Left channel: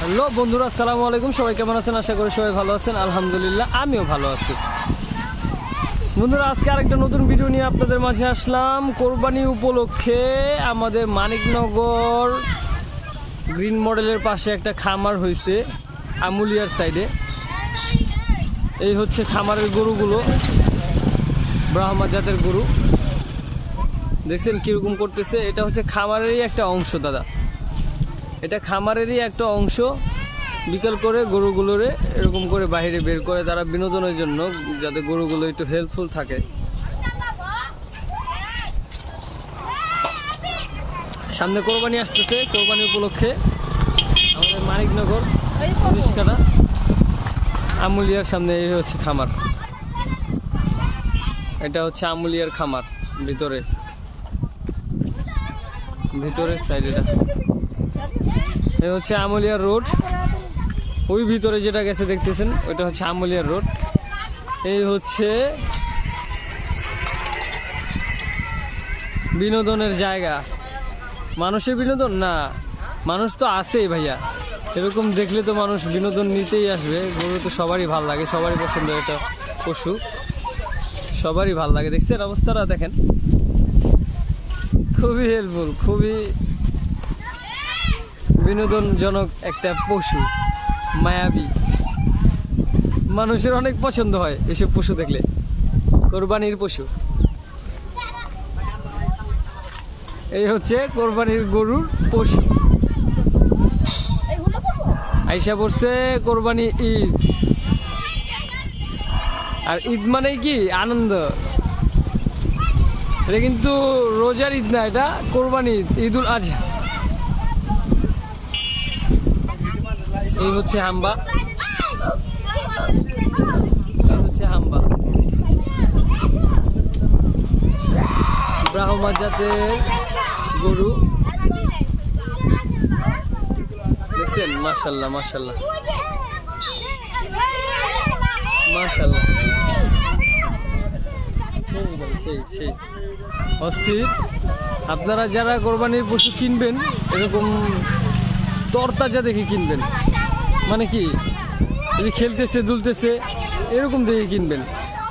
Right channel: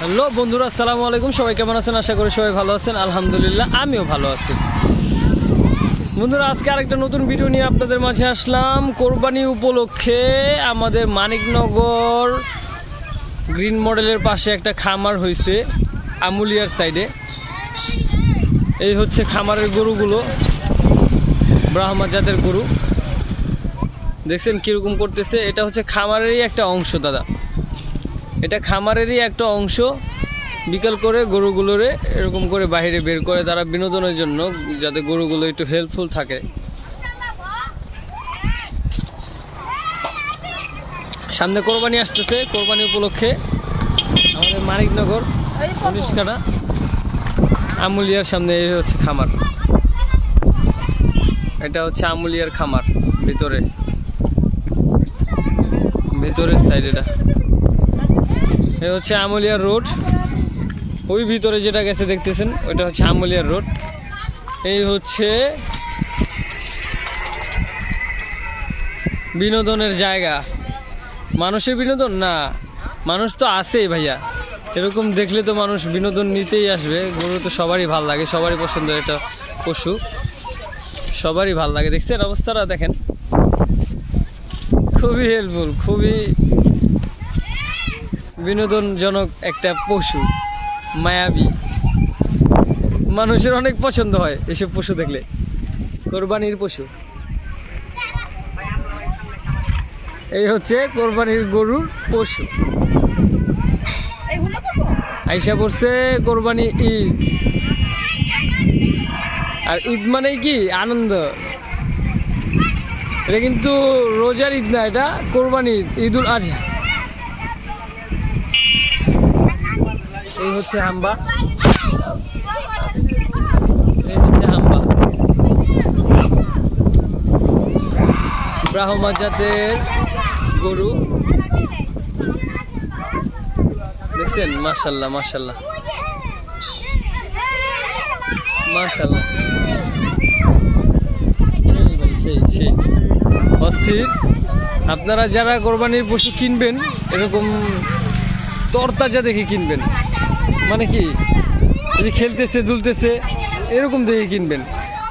Hello বন্ধুরা, আসসালামু আলাইকুম। সবাই কেমন আছেন? আশা করি সবাই ভালো আছেন। আলহামদুলিল্লাহ, আমিও ভালো আছি। বন্ধুরা, আজকে আরেকটা নতুন ভিডিও নিয়ে আপনাদের মাঝে আসলাম। কোরবানি উপলক্ষে আমাদের মানিকনগর গ্রিন মডেলের পাশে একটা খামার হয়েছে, আমুলিয়ার সাইডে। এই হচ্ছে খামারের গরুগুলো, ব্রাহ্মা জাতের গরু। দেখছেন কীরকম করতেছে? এটা হচ্ছে খামারেরই একটা অংশ দাদা, এটা খামারেরই একটা অংশ। বিকাল করে গরুগুলোরে এরকম করে বাইরে বের করে তারা বিনোদনের জন্য, যাতে গরুগুলো একটু হেল্পফুল থাকে। সামনে কোরবানি আসতেছে, কোরবানি উপলক্ষে আমাদের মানিকনগর 19 কাটা আমুলিয়ার সামনে এই হচ্ছে খামার। এটা হচ্ছে আমুলিয়ার খামার, ভিতরের সাইড। এটা এই হচ্ছে আমুলিয়ার রোড। ওই ভিতরে যেটা গেছে দেখতেছেন, ওইটা হচ্ছে আমুলিয়ার রোড। এই হচ্ছে বিনোদনের জায়গা। মানুষের বিনোদন না, মানুষ তো আছেই ভাইয়া। এরকম দেখলে তো মানুষ বিনোদন নিতেই আসবে। গরু তো সবারই ভাল লাগে, সবারই পছন্দ। এটা পশু সবারই ভাল লাগে। দেখছেন অবস্থাটা? দেখেন, খুবই হেল্পফুল, খুবই বিনোদনজনক একটা পশু, মায়াবী। মানুষের অনেক পছন্দ হয় এসব পশু দেখলে, কোরবানির পশু। এই হচ্ছে কোরবানির গরুর পশু। আইসা পড়ছে কোরবানি ঈদ। আর ঈদ মানেই কি আনন্দ। এটা কিন্তু রোজার ঈদ না, এটা কোরবানি ঈদ, ঈদুল আজহা। এই হচ্ছে হাম্বা, ব্রাহ্মা জাতের গরু। দেখছেন? মাশাআল্লাহ মাশাআল্লাহ মাশাআল্লাহ, সেই অস্থির। আপনারা যারা কোরবানির পশু কিনবেন, এরকম তরতাজা দেখে কিনবেন। মানে কি, যদি খেলতেছে দুলতেছে এরকম দেখে কিনবেন।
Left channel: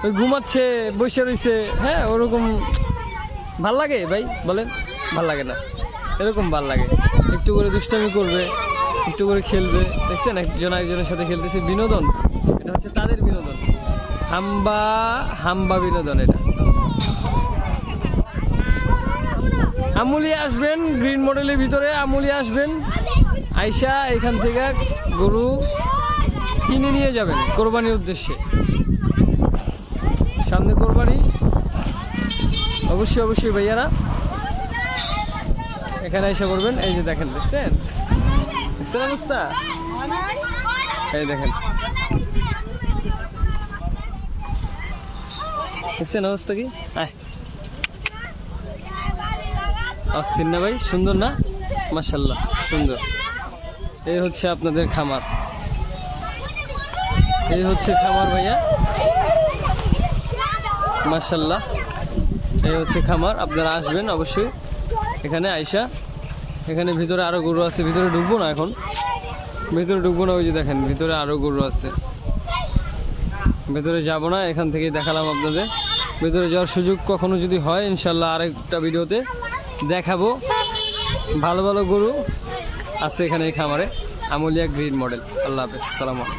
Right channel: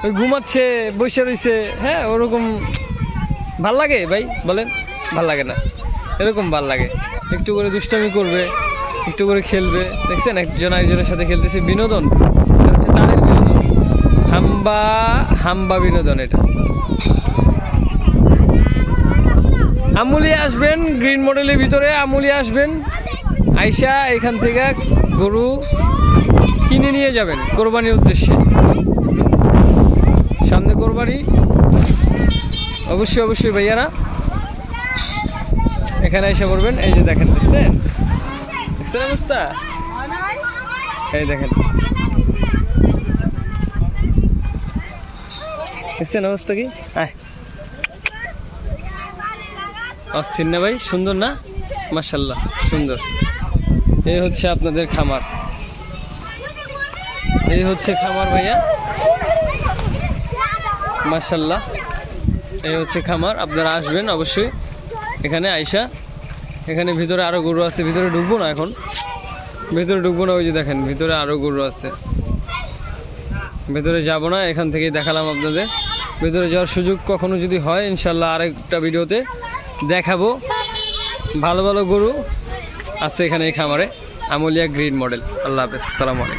ওই ঘুমাচ্ছে বসে রয়েছে, হ্যাঁ, ওরকম ভাল লাগে ভাই? বলেন, ভাল লাগে না? এরকম ভাল লাগে। একটু করে দুষ্টামি করবে, একটু করে খেলবে। দেখছেন একজন আরেকজনের সাথে খেলতেছে, বিনোদন। এটা হচ্ছে তাদের বিনোদন, হাম্বা বিনোদন। এটা আমুলিয়া আসবেন, গ্রিন মডেলের ভিতরে আমুলিয়া আসবেন। আইসা এখান থেকে গরু কিনে নিয়ে যাবেন কোরবানির উদ্দেশ্যে। সামনে কোরবানি, অবশ্যই ভাইয়ারা এখানে এসে পড়বেন। এই যে দেখেন, দেখছেন অবস্থা? এই দেখেন, দেখছেন অবস্থা কি? অস্থির না ভাই? সুন্দর না? মাশাআল্লাহ, সুন্দর। এই হচ্ছে আপনাদের খামার, এই হচ্ছে খামার ভাইয়া, মাশাআল্লাহ। এই হচ্ছে খামার। আপনারা আসবেন অবশ্যই এখানে আইসা। এখানে ভিতরে আরো গরু আছে, ভিতরে ঢুকবো না এখন, ভিতরে ঢুকবো না। ওই যে দেখেন ভিতরে আরো গরু আছে, ভেতরে যাব না। এখান থেকেই দেখালাম আপনাদের। ভেতরে যাওয়ার সুযোগ কখনো যদি হয়, ইনশাল্লাহ আরেকটা ভিডিওতে দেখাবো। ভালো ভালো গরু আছে এখানে এই খামারে, আমুলিয়া গ্রিন মডেল। আল্লাহ হাফেজ, আসসালামু আলাইকুম।